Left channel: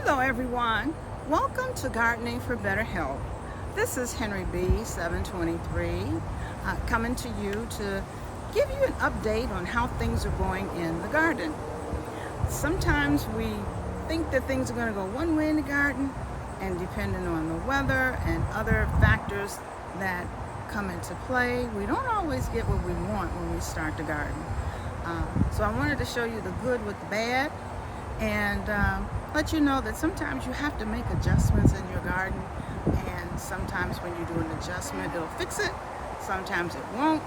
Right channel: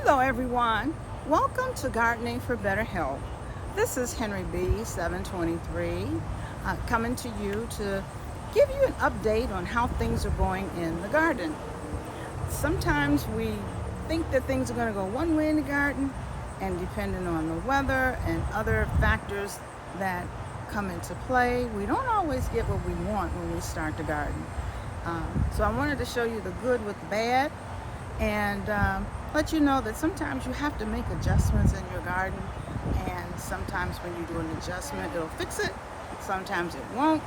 Hello everyone, welcome to Gardening for Better Health. This is Henry B. 723 coming to you to give you an update on how things are going in the garden. Sometimes we think that things are going to go one way in the garden, and depending on the weather and other factors that come into play, we don't always get what we want when we start the garden. So I wanted to show you the good with the bad, and let you know that sometimes you have to make adjustments in your garden, and sometimes when you do an adjustment it'll fix it, sometimes it won't,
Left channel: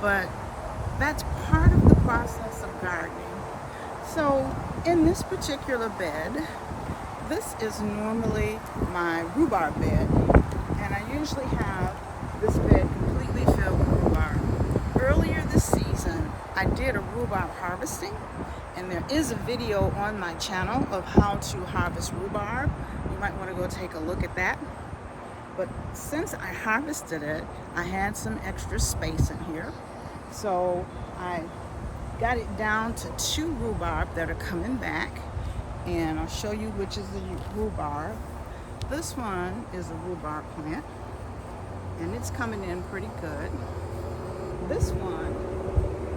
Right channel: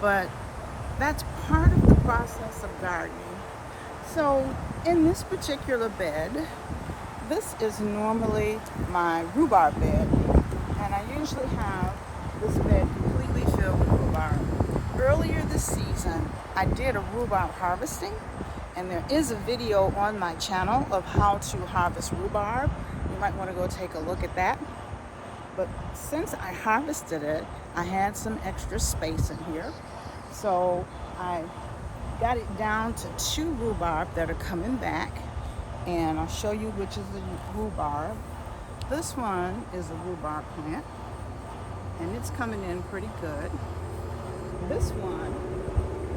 but that's part of the process of gardening. So in this particular bed, this is normally my rhubarb bed, and I usually have this bed completely filled with rhubarb. Earlier this season I did a rhubarb harvesting, and there is a video on my channel of how to harvest rhubarb. You might want to go take a look at that. But since I harvested it, I had some extra space in here. So I got it down to 2 rhubarb that are coming back. And I'll show you which is the rhubarb. This one is a rhubarb plant, and it's coming in pretty good. This one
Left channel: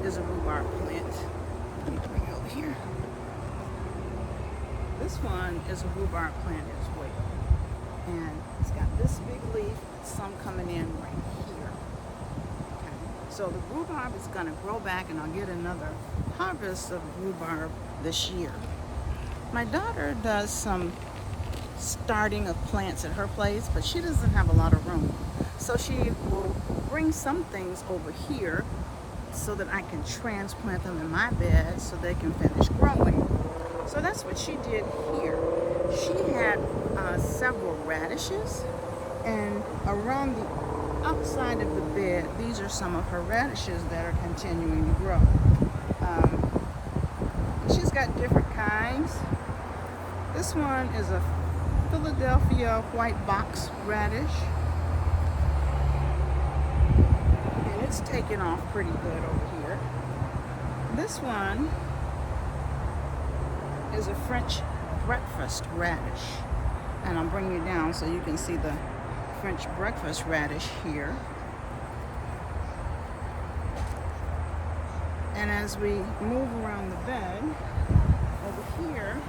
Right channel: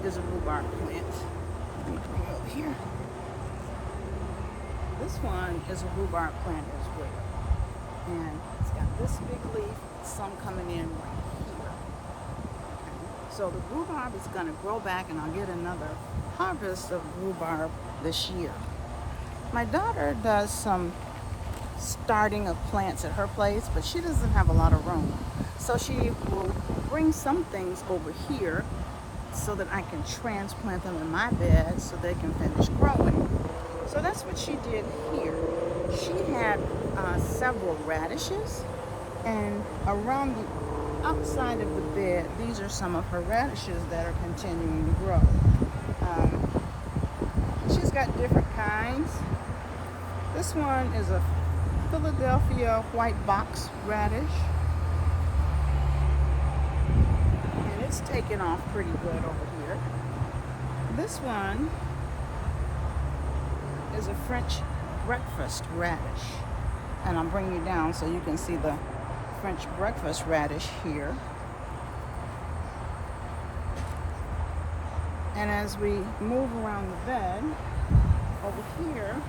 is a rhubarb plant. Let me bring it over here. This one is a rhubarb plant as well. And it's got this big leaf, some coming in right here. Okay, so the rhubarb is going to grow back, and I'll get another harvest of rhubarb this year. My daughter does some starting of plants at her place, but she doesn't have a lot of room. So she will bring some things over here so that I can transplant them in my bed so they can finish growing. So that's what she did here. She had several radishes, and around the outside of the bed, these are some of her radishes that are continuing to grow. She's got different kinds. This one is a Philadelphia white box radish, and it's taken off pretty good over here. This one is a French breakfast radish, and I'll bring you down so you can see the French breakfast radish here. And as we move around the bed, over here,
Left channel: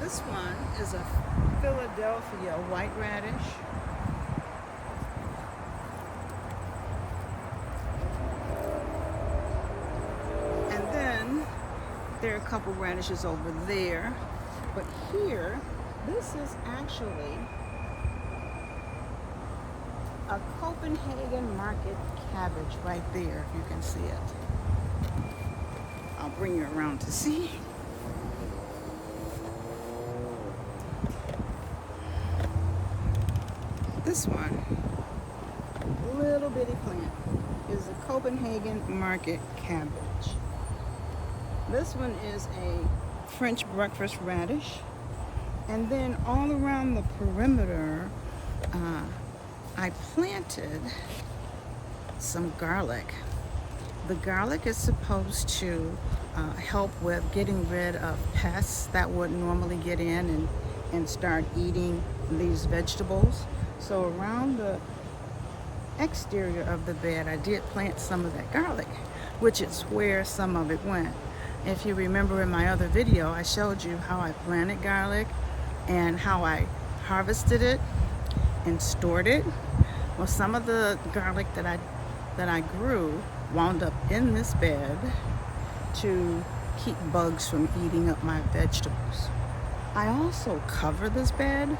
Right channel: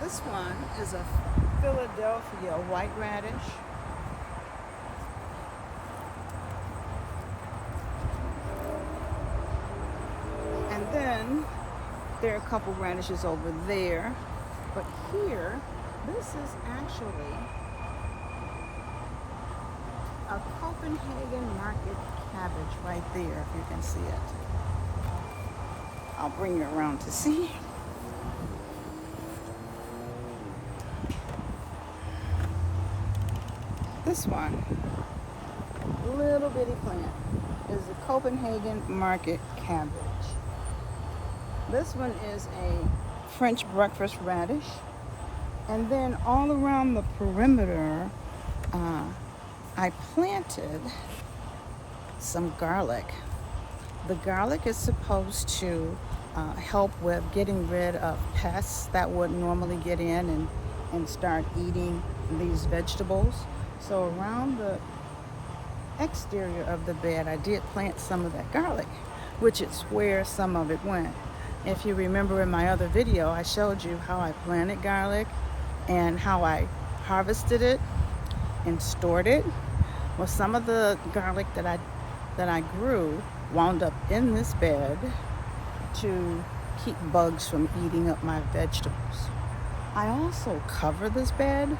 this one is a Philadelphia white radish. And then there are a couple radishes over there. But here, this is actually a Copenhagen market cabbage right there, if you can see it. I'll bring you around to see. This one, little bitty plant, is a Copenhagen market cabbage. This one is a French breakfast radish. And then all around the perimeter, I planted some garlic. The garlic is supposed to help with getting rid of pests that would normally get in and start eating these vegetables. So around the exterior of the bed, I did plant some of that garlic, which is where some of it went. If you remember in my other video, I showed you how I planted garlic and how I harvested it and stored it. Well, some of the garlic that I grew wound up in this bed to keep bugs from eating up my vegetables. I also cover this bed.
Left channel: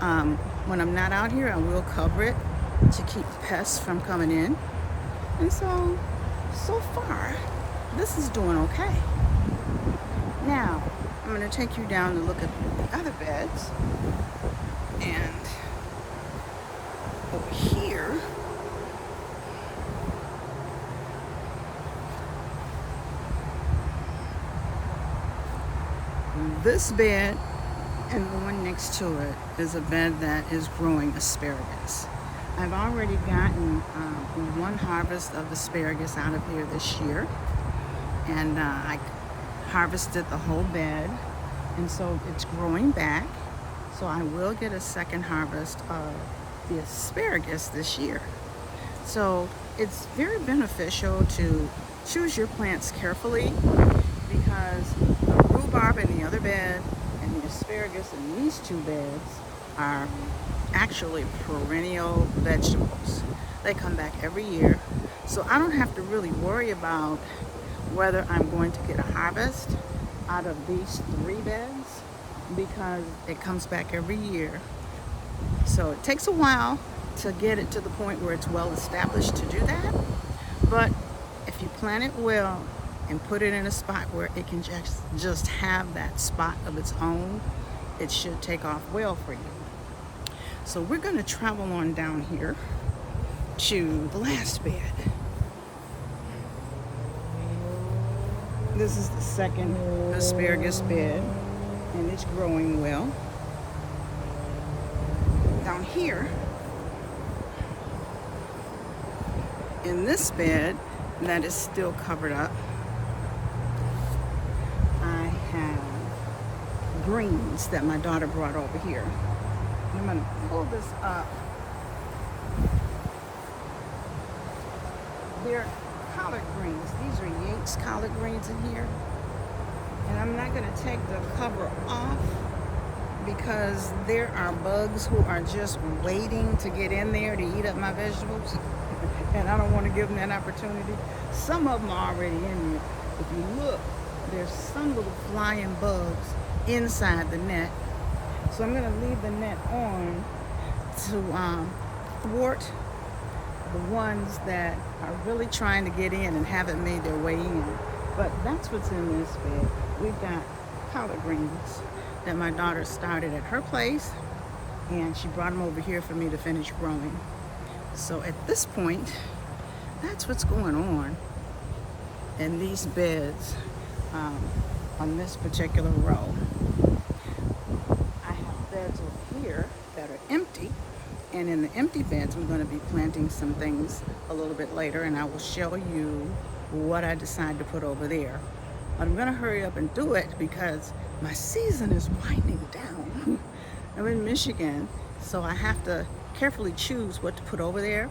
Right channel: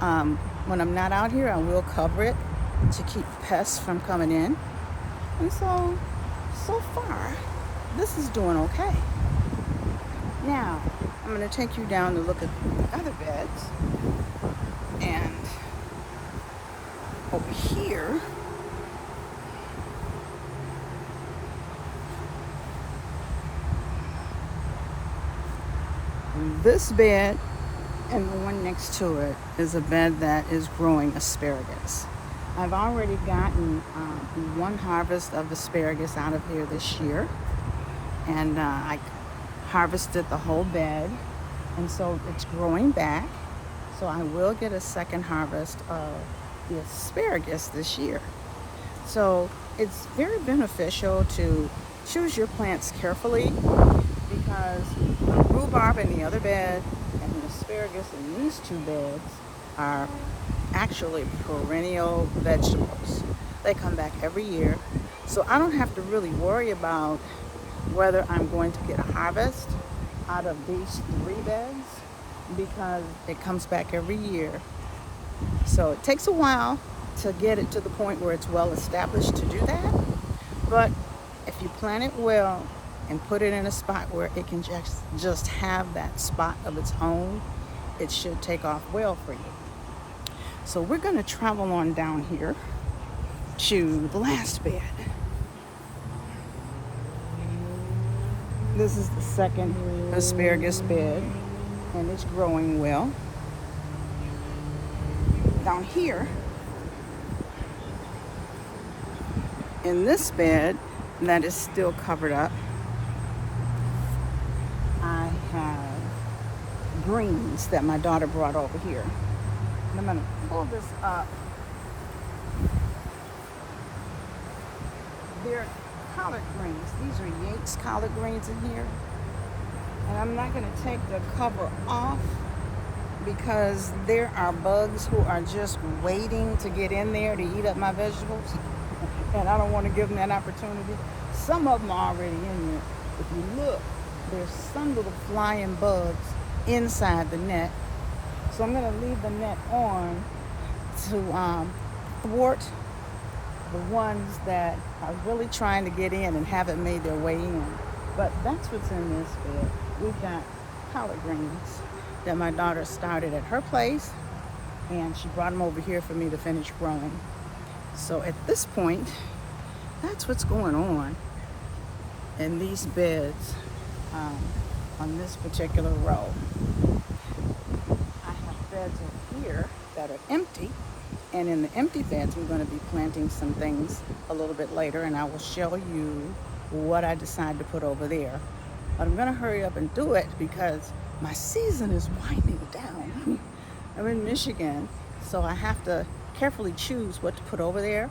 When I'm not out here, I will cover it to keep pests from coming in. And so far, this is doing okay. Now, I'm going to take you down to look at the other beds. And over here, this bed and the one next to it is a bed that is growing asparagus. I've already gotten one harvest of asparagus out of here this year, and I harvested the whole bed, and so it's growing back. So I will get a second harvest of the asparagus this year. So it's very beneficial to choose your plants carefully, because the rhubarb in the other bed and the asparagus in these two beds are actually perennial vegetables. They come back every year. So I don't have to really worry about whether I'm going to get a harvest out of these three beds, because it comes back every year. So it takes a while to get it to the point where it's well established to do that. But if you plant it well and put it in a spot where it can just have that spot of its own, it should take off well for you. So we're going to travel on down here to the last bed. This is the second asparagus bed, and it's growing well. Down here, in this bed that is still covered up, I have greens that my daughter brought over here. And I'm going to pull this up. They're collard greens. These are Yates collard greens in here. And I'm not going to take the cover off because there are bugs who are just waiting to get in there to eat up my vegetables. And I don't want to give them that opportunity. Some of them are already in there. If you look, there's some little flying bugs inside the net. So I'm going to leave the net on to thwart the ones that are really trying to get in and haven't made their way in. But that's what's in this bed. We've got collard greens that my daughter started at her place, and she brought them over here for me to finish growing. So at this point, that's what's going on in these beds on this particular row. I have beds over here that are empty, and in the empty beds we're going to be planting some things a little bit later, and I will show you what I decide to put over there. But I'm going to hurry up and do it because my season is winding down. I'm in Michigan, so I have to carefully choose what to put over there.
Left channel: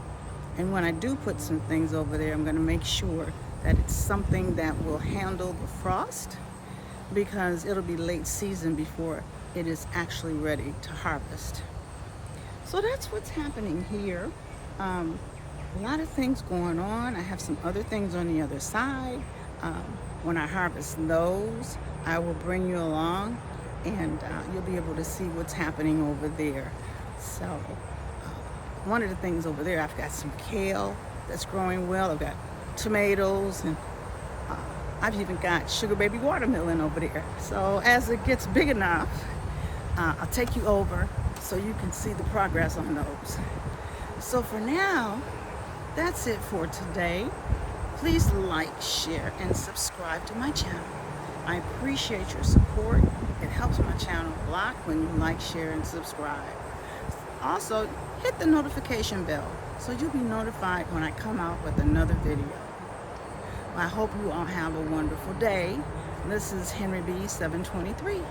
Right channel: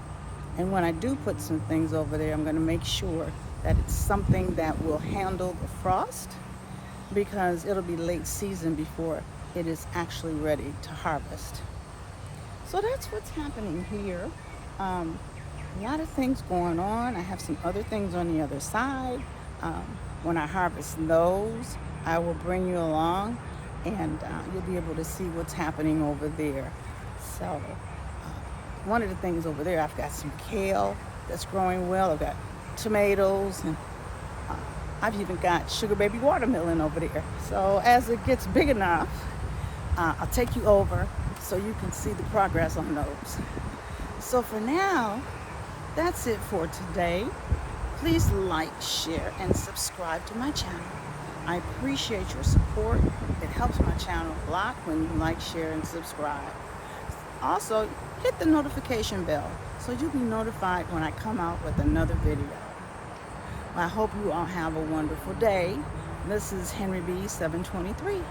And when I do put some things over there, I'm going to make sure that it's something that will handle the frost, because it'll be late season before it is actually ready to harvest. So that's what's happening here. A lot of things going on. I have some other things on the other side. When I harvest those, I will bring you along, and you'll be able to see what's happening over there. So one of the things over there, I've got some kale that's growing well. I've got tomatoes, and I've even got sugar baby watermelon over there. So as it gets big enough, I'll take you over so you can see the progress on those. So for now, that's it for today. Please like, share, and subscribe to my channel. I appreciate your support. It helps my channel a lot when you like, share, and subscribe. Also, hit the notification bell so you'll be notified when I come out with another video. Well, I hope you all have a wonderful day. This is Henry B. 723.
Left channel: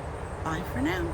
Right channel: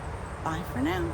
Bye for now.